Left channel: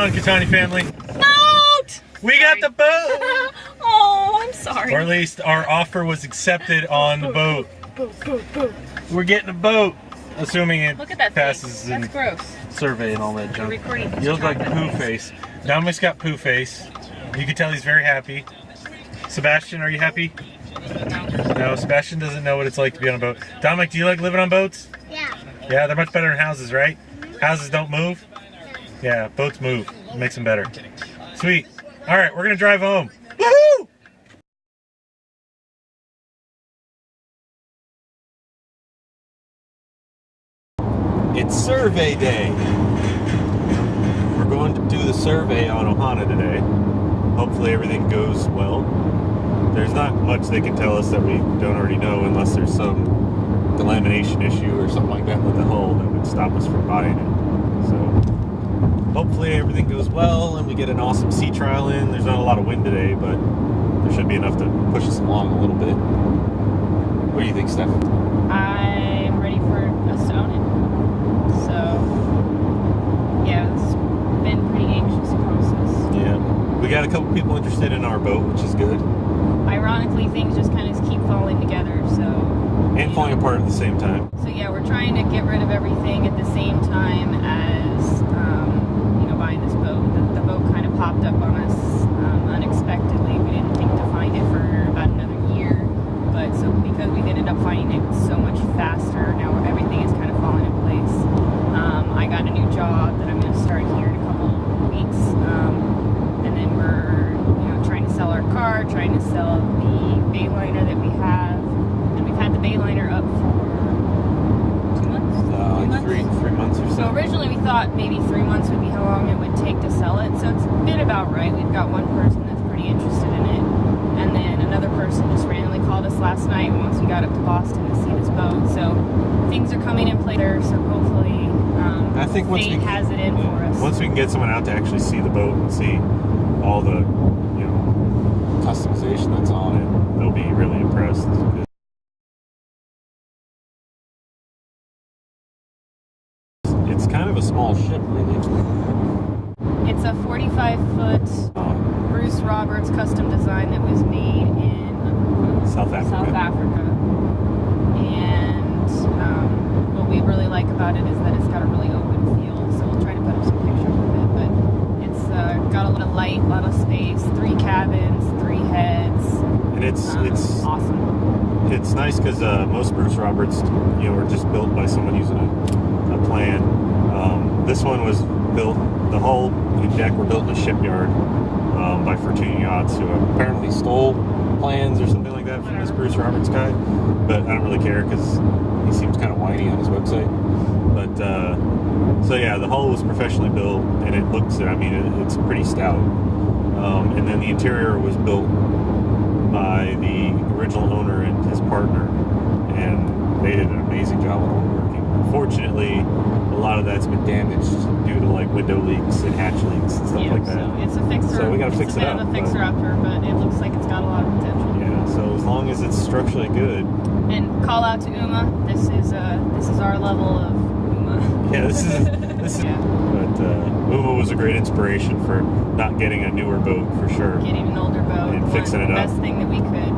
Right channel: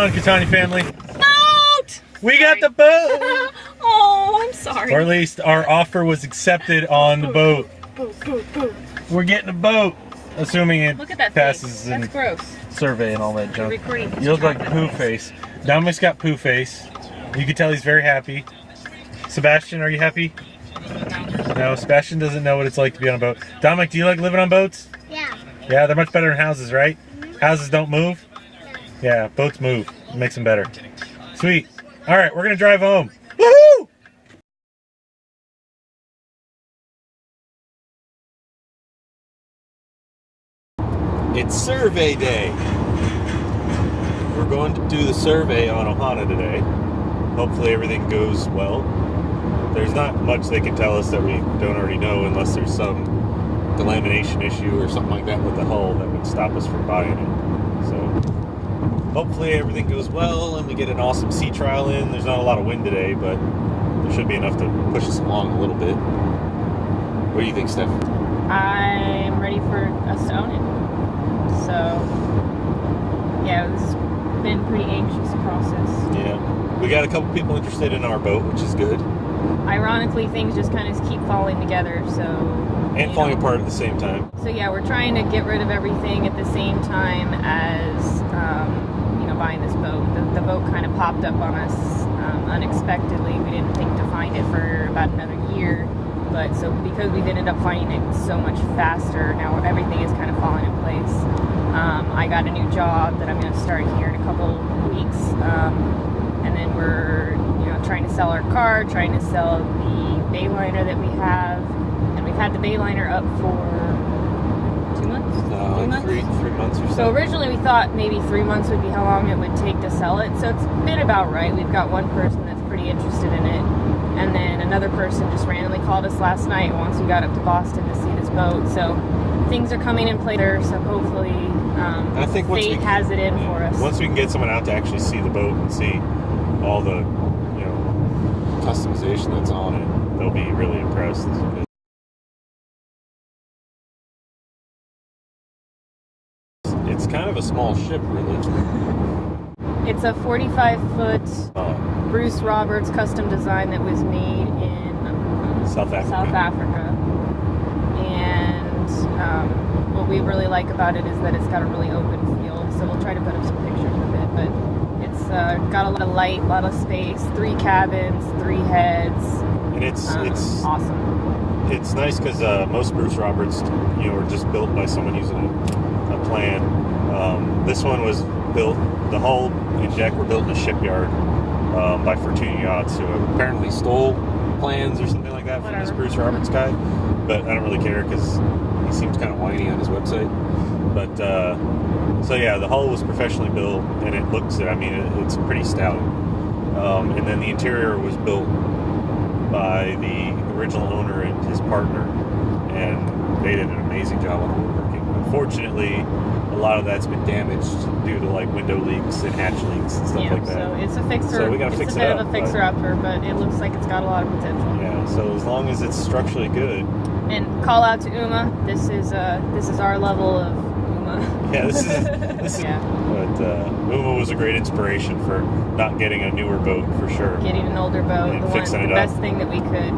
on, Katani family? Boat! We got the boat! Oh, I'm sorry. Or at least our offer was accepted on the boat. Boat. We're getting a boat, assuming it Look at that passes thing. That's gross. survey and all that junk. Recording. You look like poo face. Dominic's got poo face. You can tell he's very happy. Sebastian, are you happy? No, Sebastian doesn't know what it's like to be on a boat. Dominic, do you like living on boats? Yeah. Yeah, they're much better than houses, right? Houses don't move? Yeah, boats move. It makes them better. Sweet. All right, we're going to drive home. Woohoo! It's survey day. We're going to do the survey on Ohana today. Hopefully everything goes well. There's not much they can tell us that we don't already know unless there's some delamination issue or something like that with the hull that would stop us from buying it. So hopefully everything goes well and we get an awesome sea trial in. There's not a lot of wind today, but there should be enough to push us along a little bit. What do you think, Steph? I'm ready for us to own it. So, yeah, it's been a pretty anxious process. Yeah. We got a couple people interested in our boat, which is good. Ironically, things just kind of keep falling together, so... And falling apart at the same time. So yeah, we're trying to get rid of everything at the same time as, buying this boat. The boat kind of popped up on us unexpectedly. We didn't think to find it for about another year. But so because we've ended up finding it so much faster, now everything is kind of falling in place. I got a new job that I'm going to start here in a couple weeks. And then we're, trying to sell our car, trying to sell the Bayliner that we have. And we've had the Bayliner up for 2 months? 3 months? 3 months or so. So originally we thought maybe 3 months would be how long it would take to sell it. So it's been about right. We've got one person that's pretty interested in it. And then another person just randomly called us last night once we got up to Boston to see this boat. So things are coming in play there. So hopefully I think fate has it in for us. Once we can get someone out to actually see the boat and see all the customization that's on it, they'll be really impressed. It's kind of a small ship, really. It's a 45-foot Bruce Roberts custom design that was made in South Africa. And what we really like about it is that it's got a really open feel. So we'll try to put up some pictures of it. But it's got a lot of light, a lot of space, 3 cabins, 3 heads. And it's awesome. It's nice because most Bruce Roberts, are just built by someone using a plan. This one was built. The hull and deck were built in a shipyard by Fortuna Yachts, who apparently stole plans or something like that from this Bruce Roberts guy. But I don't really care because he seems kind of whiny on his website. But so yeah, the hull was professionally built, and it looks. It's pretty stout. And then the interior was built by the original owner and his partner, and they did an amazing job of woodworking. Unfortunately, a lot of that's been damaged due to window leaks and hatch leaks and stuff like that. So it's a fixer. So we gotta fix it up. It's a bit of a fixer-upper, but it looks like it's got a lot of potential. Yeah. So as long as it's structurally good. And call out to Uma. This is our level of Uma. Yeah. This is. Yeah. But Uma was a great inspiration for not getting a newer boat for sure. Getting an older boat, And the fixing it up. best thing that we could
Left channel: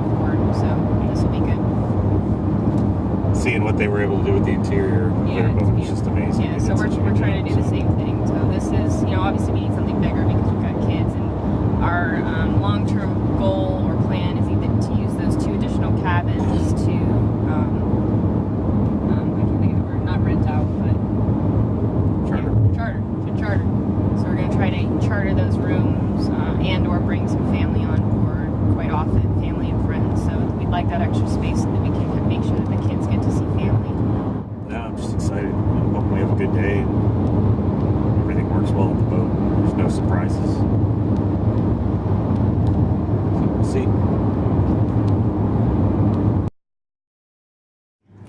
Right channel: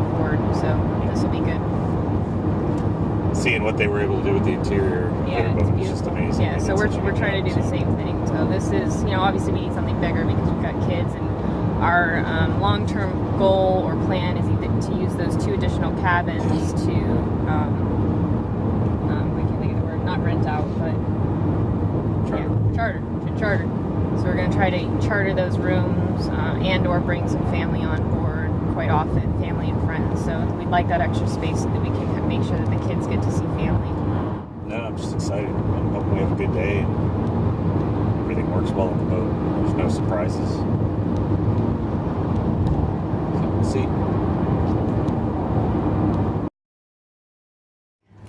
afford. So this will be good. Seeing what they were able to do with the interior, Yeah, their boat was just amazing. Yeah, so we're trying to do the same thing. So this is, obviously we need something bigger because we've got kids, and our long-term goal or plan is either to use those 2 additional cabins to, I can't think of the word, not rent out, but charter. So we're going to try to charter those rooms and or bring some family on board quite often, family and friends. So we'd like that extra space so that we can make sure that the kids get to see family. No, I'm just excited. Hope we have a good day and everything works well on the boat. There's no surprises. So we'll see.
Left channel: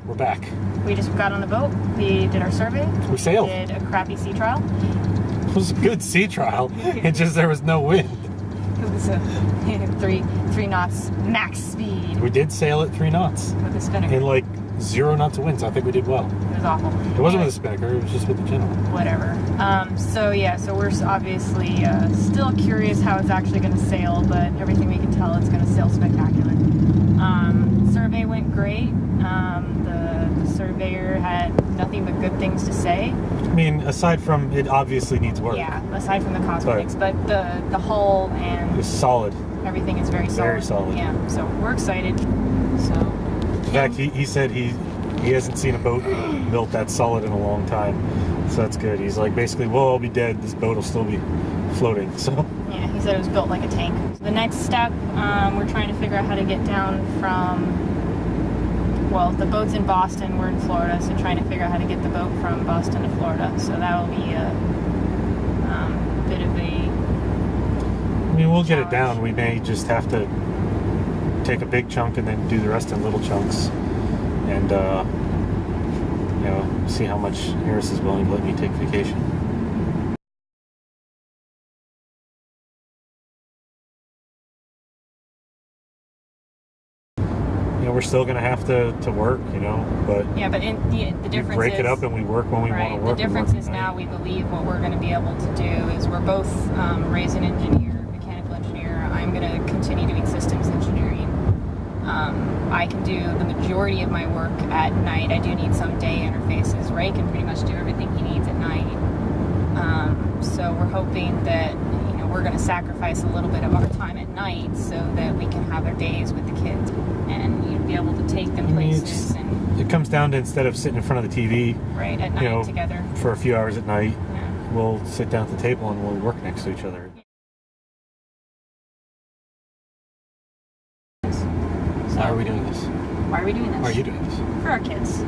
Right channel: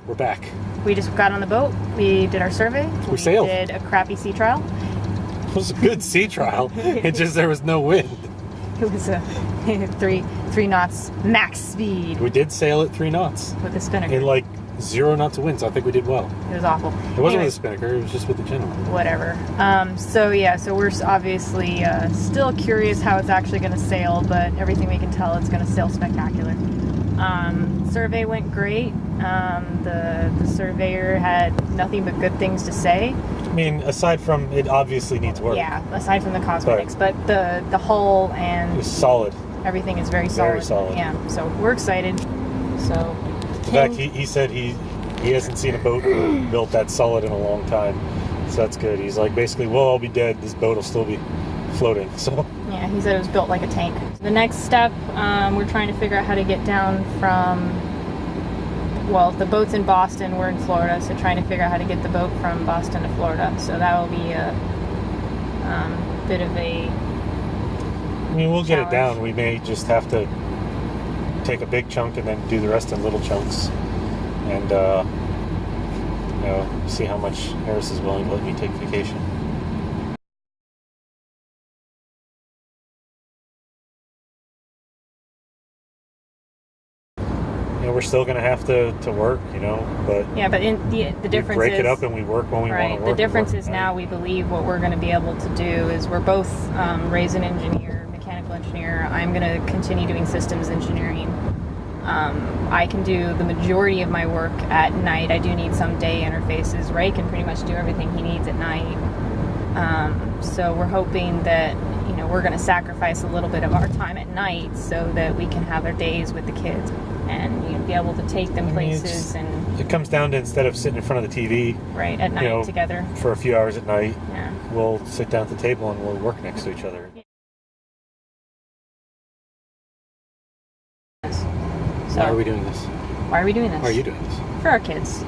We're back. We just got on the boat. We did our survey. We sailed. Did a crappy sea trial. It was a good sea trial. It's just there was no wind. It was a 3 knots max speed We did sail at 3 knots with the spinner. in 0 knots of wind, so I think we did well. It was awful. It wasn't with the spinnaker, it was just with the channel. Whatever. So we're obviously still curious how it's actually going to sail, but everything we can tell, it's going to sail spectacular. Survey went great. The surveyor had nothing but good things to say. I mean, aside from it obviously needs work. Yeah, aside from the cosmetics, but the hull and it's solid. Everything is very solid. Very solid. Yeah, so we're excited. So, in fact, he said he hasn't seen a boat built that solid in a long time, so that's good. He's like, basically, well, I'll be dead. This boat will still be floating. So yeah, he said it was built like a tank. The next step, we're trying to figure out how to get down from. Well, the boat's in Boston. We're in Florida, so trying to figure out how to get the boat from Boston to Florida. So that will be a bit of a. I mean, we'll get it down. We may just have to take a big chunk and then do the rest in little chunks, and see how much Harris is willing to let me take vacation. We're still going to have to work, but yeah, but the difference we break is, it up and we work when we want to work. The difference is now we believe what we're going to be able to do is we're both Ray's an engineer, mechanical engineer. I'm going to continue doing systems engineering. I can do the majority of my work at night. I do need some day interfaces. Ray can pretty much do everything he needs at night. So we're hoping that we're going to sacrifice a little bit of our time at night so that we can have our days with the kids and you'd be able to take them places. It comes down to, instead of sitting in front of the TV right at night together for a few hours at night, yeah, we'll sit down at the table and we'll work next to each other. So, why are we doing this? Why are we doing this? Why are you doing this? For our kids.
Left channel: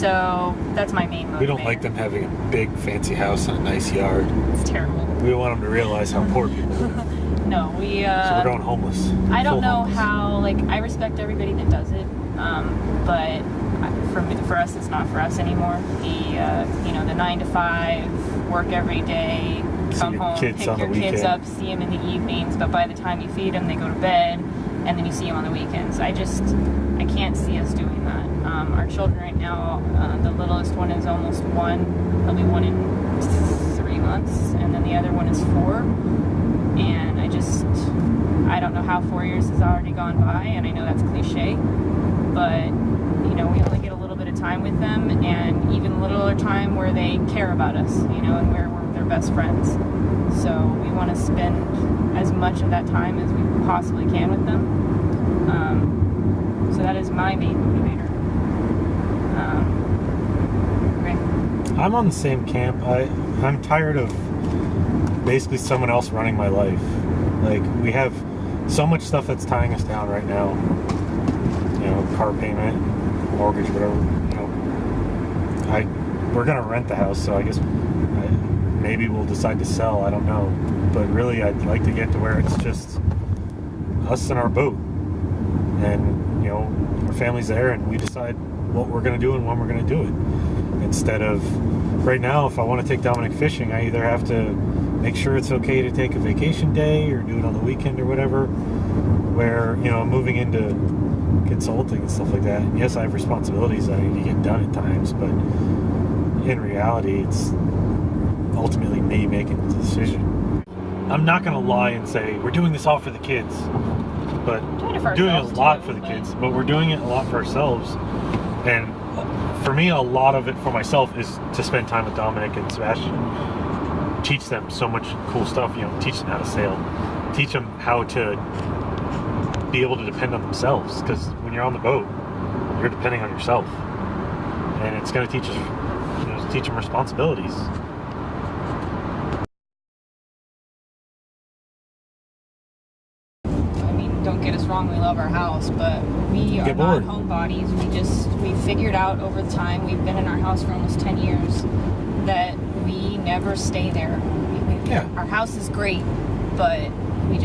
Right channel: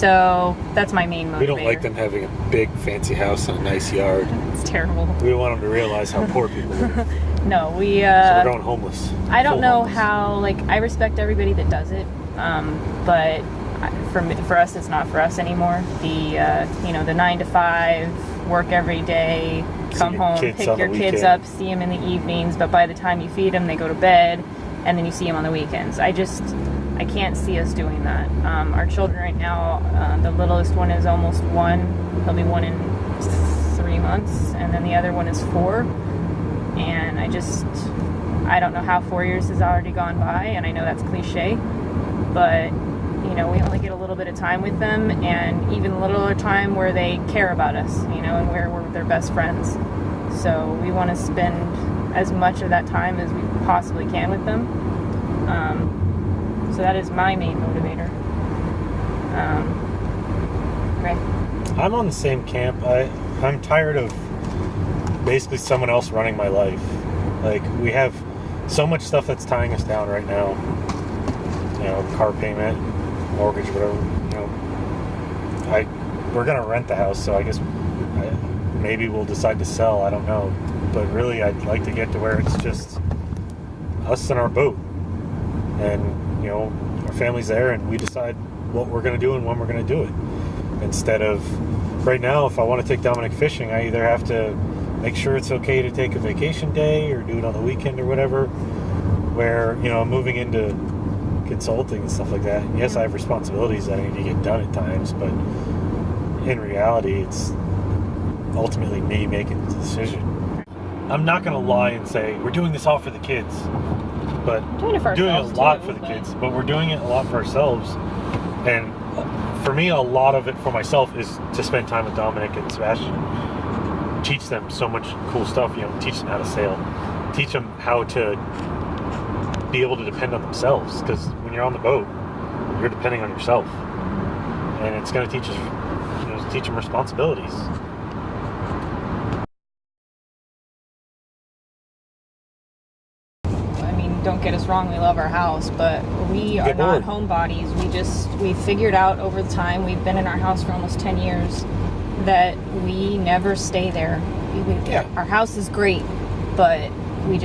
So that's my main motivator. We don't like them having a big fancy house and a nice yard. It's terrible. We want them to realize how poor people live. No, so we're going homeless. I don't know how, I respect everybody that does it, but for us, it's not for us anymore. The 9 to 5, work every day, come home, pick your kids up, see them in the evenings, but by the time you feed them, they go to bed, and then you see them on the weekends. I can't see us doing that. Our children right now, the littlest one is almost 1. He'll be 1 in 3 months, and then the other one is 4. And I don't know how 4 years has already gone by, and I know that's cliche, but we only get a little bit of time with them, and even a little time where they care about us, and where we're their best friends. So we want to spend as much of that time as we possibly can with them. So that is my main motivator. Okay. I'm on the same camp. I'm tired of basically someone else running my life. We have so much stuff that's tying us down right now. Car payment, mortgage, whatever. We're gonna rent the house, so I guess maybe we'll decide to sell. I don't know, but really, I'd like to get to where it's just us and our boat, and our family's there, and we decide what we're gonna do and when we're gonna do it. Instead of right now, if I want to take Dominic fishing, I either have to make sure it's okay to take a vacation day or do it on the weekend or whatever, where I'm moving into consulting and stuff like that. And yes, I have responsibilities that I need to get done at times, but in reality, it's ultimately me making the decision. I'm not going to lie and say we're doing this all for the kids, but we're doing a lot for the kids, but we're doing it a lot for ourselves. And for me, a lot of it for myself is to spend time with Dominic and Sebastian. Teach them so much cool stuff, teach them how to sail, teach them how to be able to depend on themselves, because when you're on the boat, you're depending on yourself, and it's going to teach them responsibilities. Don't get us wrong, we love our house, but we are not homebodies. We figured out over the time, we've been in our house for almost 10 years, that we never stay there. Our house is great, but we're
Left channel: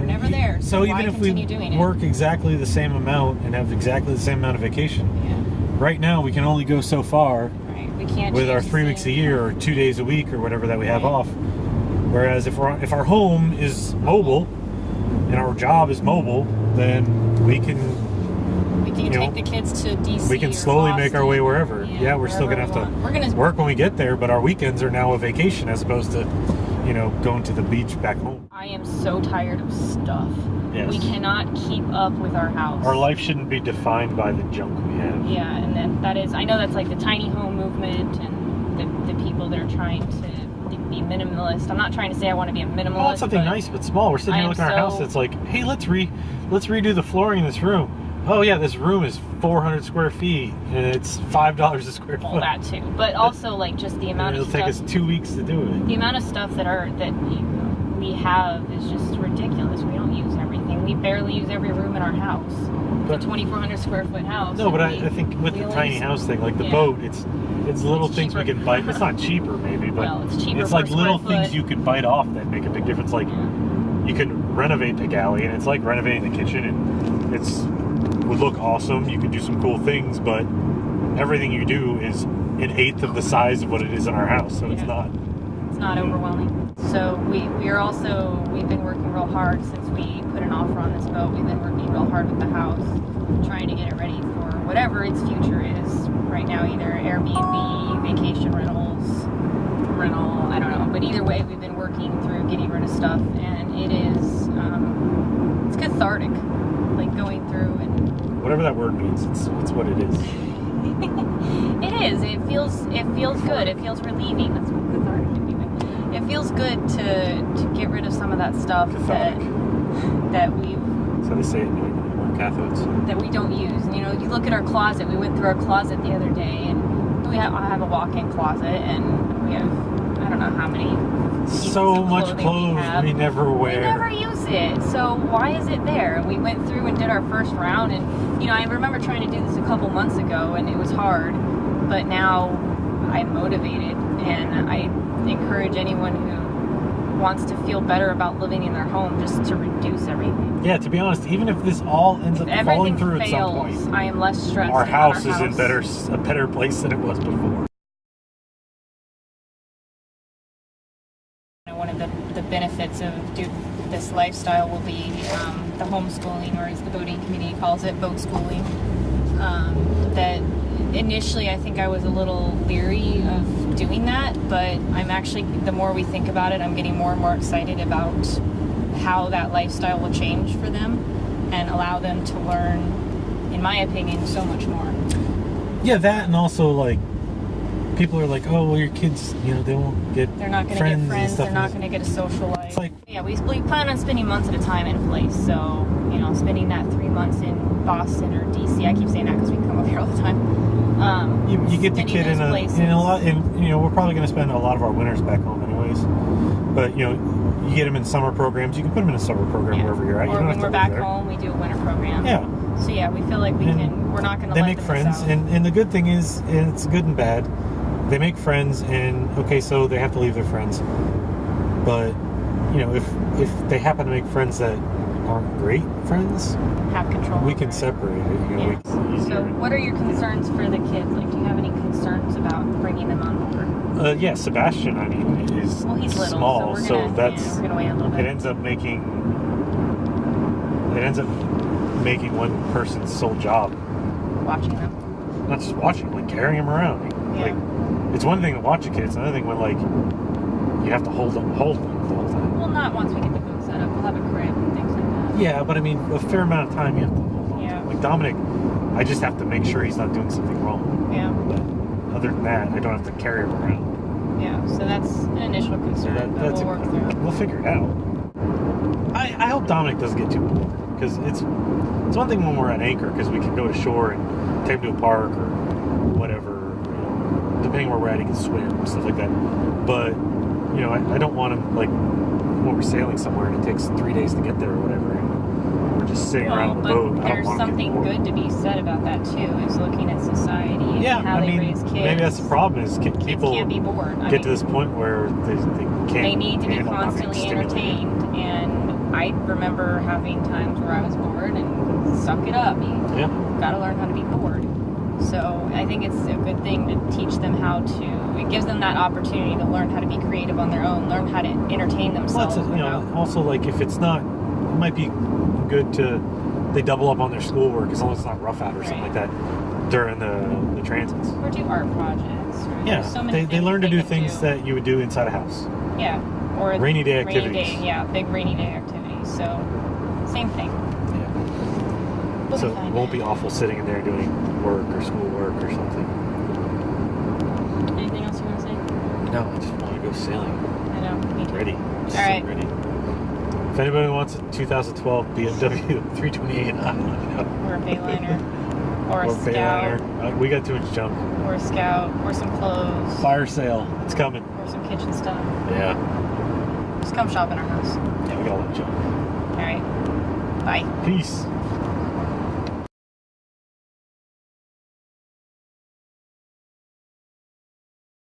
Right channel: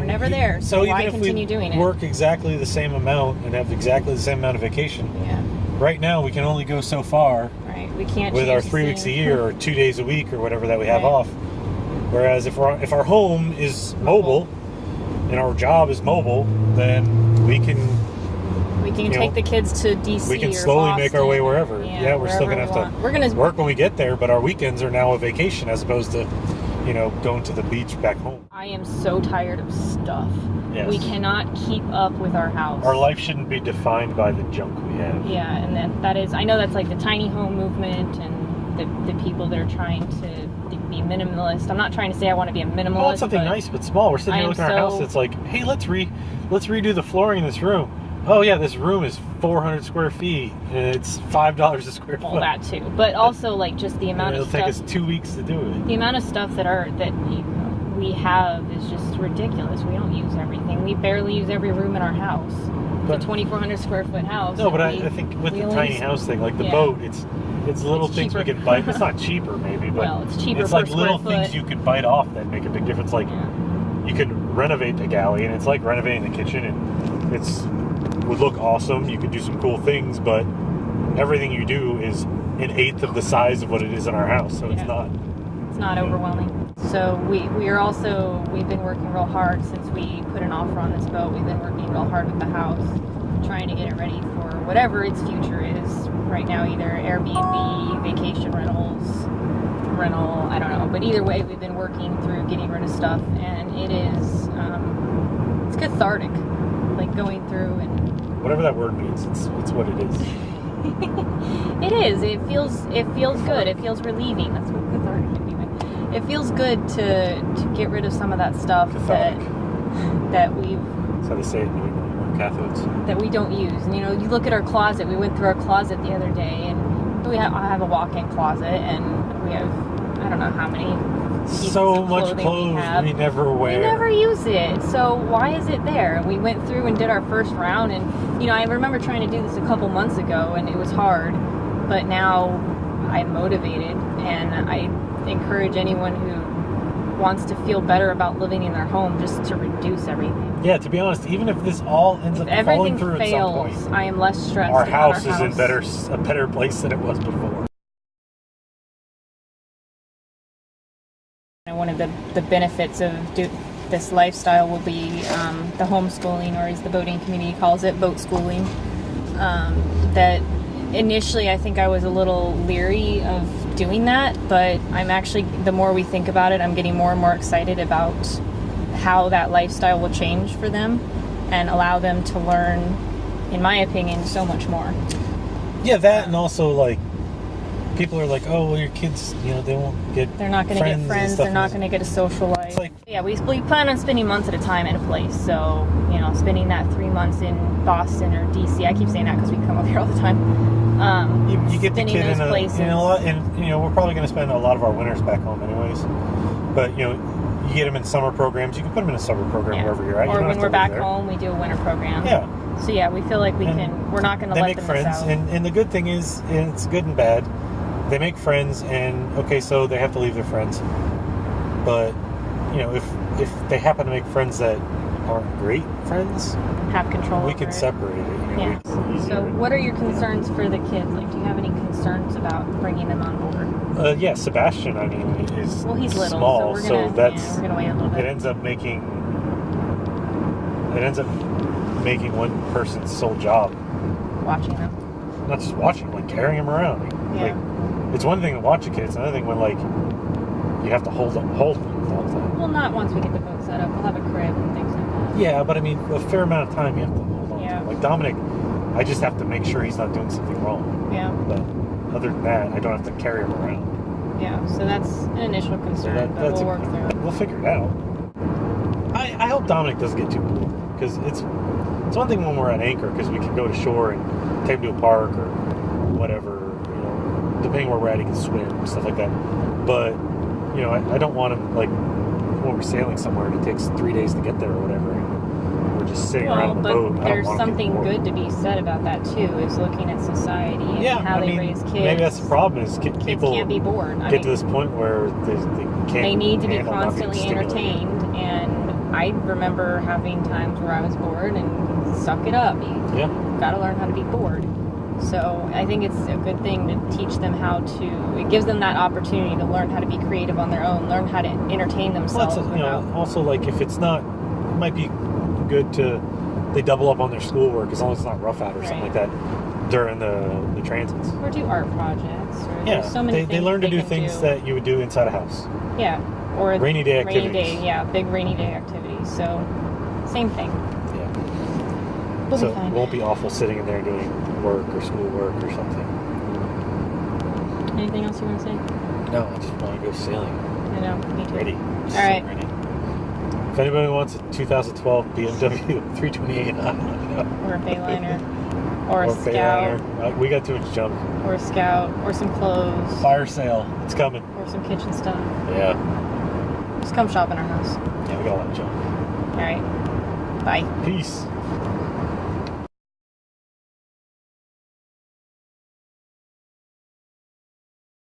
never there. So why continue doing it? Work exactly the same amount and have exactly the same amount of vacation. Yeah. Right now, we can only go so far. Right. We can't with our 3 weeks a year or 2 days a week or whatever that we have off. Whereas if our home is mobile and our job is mobile, then we can You can take the kids to DC. We can or slowly make our way Boston. wherever. Yeah, We're still gonna have to work when we get there, but our weekends are now a vacation as opposed to, going to the beach back home. I am so tired of stuff. Yes. We cannot keep up with our house. Our life shouldn't be defined by the junk we have. Yeah, and that is, I know that's like the tiny home movement and the people that are trying to be minimalist. I'm not trying to say I want to be a minimalist. I want something nice but small. We're sitting here looking at our house. It's like, hey, let's redo the flooring in this room. Oh yeah, this room is 400 square feet and it's $5 a square foot. Well, that too, but also like just the amount of stuff. It'll take us 2 weeks to do it. The amount of stuff that we have is just ridiculous. We don't use everything. We barely use every room in our house. But, the 2,400 square foot house. No, but I think with the tiny house thing, like the boat, it's little things we can bite. It's not cheaper, maybe, but well, it's cheaper. It's like little things you can bite off that make a big difference. Like you can renovate the galley, and it's like renovating the kitchen, and would look awesome. You could do some cool things, but everything you do is an eighth of the size of what it is in our house, so it's not overwhelming. So we've been working real hard since we put an offer on this boat. We've been working real hard with the house, trying to get it ready for whatever its future is. Right now, either Airbnb, vacation rental, I don't know. But either way, we've been working through getting rid of stuff, and it is, it's cathartic, like going through and... Whatever that word means, it's what it is. It is. It feels good. It feels relieving. That's what cathartic would be. It feels good to get rid of some of that stuff that we've... That's how they say it in Catholics. That we don't use. And, you look at our closet. We went through our closet the other day, and I have a walk-in closet, and we have, I don't know how many so much clothes we never wear. We never use it. So why is it there? We went through and did our first round, and I remember trying to do this a couple months ago, and it was hard. But now I'm motivated, and I encourage anyone who wants to feel better about living in their home just to reduce everything. Yeah, to be honest, even if this all ends up falling through at some point, I am less stressed. Our house is in a better place than it was before. And one of the benefits of this lifestyle will be the homeschooling, or as the boating community calls it, boat schooling. That initially I think I was a little leery of doing that, but I'm actually, the more we think about it, I'm getting more and more excited about how that lifestyle will change for them and allow them to learn, in my opinion, so much more. Yeah, that, and also like people are like, oh, well, your kids, they won't get They're not going to get friends. They're not going to get a social life. Like, yeah, we plan on spending months at a time at a place. So, spending that 3 months in Boston or DC. I keep saying that because we come up here all the time. You get the kid in a lot, and we're probably going to spend a lot of our winters back home anyways. But you get them in summer programs. You can put them in a summer program wherever you're at. Or when we're back home, we do a winter program. Yeah. So yeah, we feel like we're not going to let them miss out. They make friends, and the good thing is, and it's good and bad. They make friends, and okay, so they have to leave their friends. But if they happen to make friends that aren't great friends, have control. We can separate it. Yeah. So, what are your concerns for the kids? Like, do you have any concerns about bringing them on board? Yeah, Sebastian. I mean, is he's little, small, so we're gonna wait a little bit. It ends up making one person's sole job. Watching them. Not just watching, like carrying them around. Yeah. Like, it's one thing to watch a kid. It's another thing when you have to hold them the whole time. Well, not once we get the boat set up. We'll have a crib and things like that. Yeah, but I mean, a fair amount of time you have to hold on. Yeah. Like Dominic, I just have to make sure he's not doing something wrong. Yeah. But other than that, I don't have to carry him around. Yeah, so that's an initial concern. So we'll work through. We'll figure it out. I hope Dominic doesn't get too bored, because it's one thing when we're at anchor, because we can go to shore and take him to a park or whatever, depending where we're at, he can swim and stuff like that. But I don't want him, like, when we're sailing somewhere and it takes 3 days to get there or whatever, and we're just sitting around on the boat. There's something good to be said about that too, is looking at society and how they raise kids. Maybe that's the problem, is people can't be bored. Get to this point where they can't. They need to be constantly entertained, and I remember having times where I was bored and suck it up. You gotta learn how to be bored. So I think it's a good thing to teach them it gives them that opportunity to learn how to be creative on their own, learn how to entertain themselves. Well, also, like, if it's not, it might be good to they double up on their schoolwork as long as it's not rough out or something like that during the transits. Or do art projects. Or Yeah, there's so many they learn to do can things that you would do inside a house. Yeah, or rainy day activities. Big rainy day activities. So, same thing. Yeah. We'll So be fine. it won't be awful sitting in there doing work or schoolwork or something. Anything else you want to say? No, I just want to go sailing. I know, me too. Ready. All right. Ready. If anybody wants a 2012 BMW 328, Or a Bayliner. Or a Scout. Bayliner. We got too much junk. Or a Scout. Or some clothes. Fire sale. It's coming. Or some kitchen stuff. Yeah. Just come shop in our house. Yeah, we got a lot of junk. All right. Bye. Peace.